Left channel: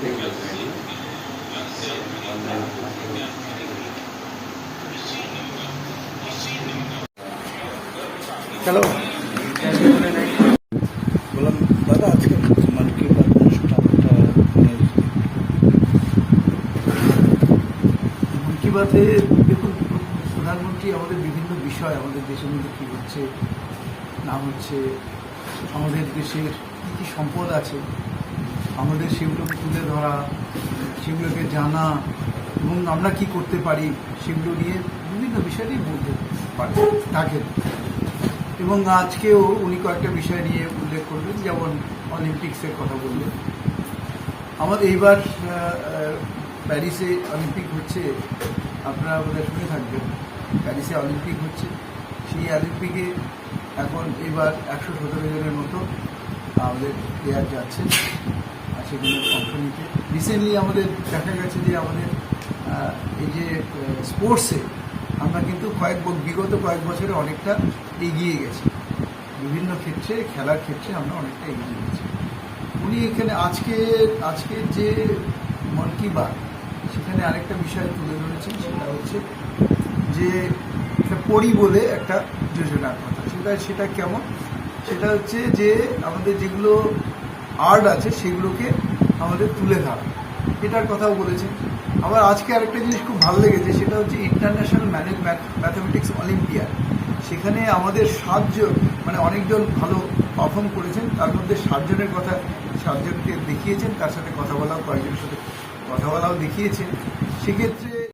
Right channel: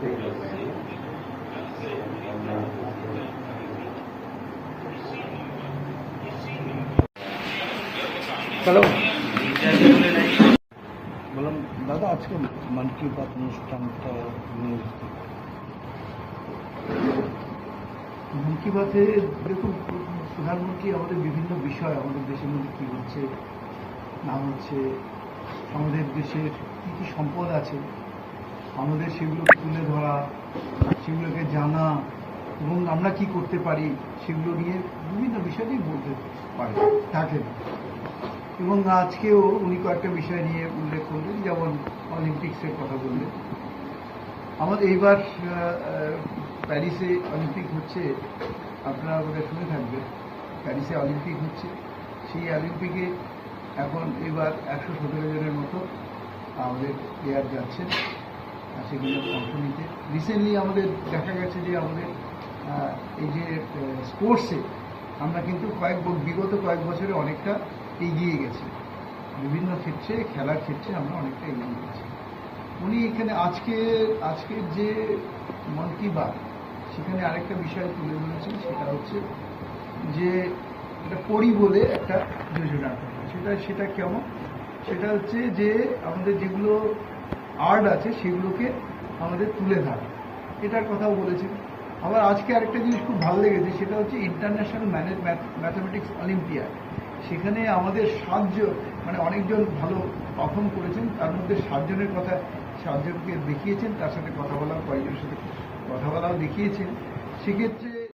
Hello বললাম দাদা আজকে মন কি বাত মন কি বাতে দেখুন, প্রধানমন্ত্রী আমাদের বিভিন্ন বিষয়, আমাদের দেশের মধ্যে কী হচ্ছে না হচ্ছে, আমাদের দেশের কী কী সম্পদ আছে আমাদের সেগুলোকে তুলে ধরা, সেগুলোকে জানা এবং আমরা কি করতে পারি সেগুলো নিয়ে বিভিন্ন বিষয় নিয়ে বলতে পারি থাকেন এবং আজকেও উনি কয়েকটা বিষয় নিয়ে উল্লেখ করবেন, যেমন অলিম্পিক্সের কথা বললেন। আমাদের এইবার প্যারিসে অলিম্পিক হচ্ছে, আপনারা বোধহয় শুনে থাকবেন, প্যারিসে অলিম্পিক হচ্ছে। সেই অলিম্পিকে এখন এবার একশো সতেরো জনের মতো আমাদের প্লেয়ার যাচ্ছেন। আর সেগুলো অংশ নিতে রিসেন্টলি আমাদের দেখা গেছে যে আমাদের এই যে স্পোর্টসে আমরা কিন্তু কয়েক বিগত কয়েক বছরে অনেকটা এগিয়ে গেছি। বিভিন্ন ক্ষেত্রে, খেলার ক্ষেত্রে আমরা অনেকটা এগিয়ে গেছি। উনি এখানে আজকে আজকের যে মন কি বাত, সেখানে আরেকটা বিষয় তুলে ধরেছেন, সেটা হচ্ছে যে একটা বলে একটা যোজনার কথা। সেটা সেটা কেমন? সেটা হচ্ছে যে আমাদের যেগুলো আর্ট আছে, সেগুলোকে আমাদের তুলে ধরা। এটার কথাও বলেছেন আবার আজকে আরেকটা জিনিস খুব ভালো লেগেছে, সেটা হচ্ছে ইন্টারন্যাশনাল ম্যানেজ ম্যাথামেটিক্স অলিম্পিয়াড সেখানে আমাদের সাতজন মানে অনেকজন ভালো পারফর্ম করেছেন। তার মধ্যে সাতজনের কথা সাতজনকে দেখিয়েছেন, তার সাথে কথা বলাও, কয়েকজনের সাথে কথা বলাও দেখিয়েছেন। সেক্ষেত্রে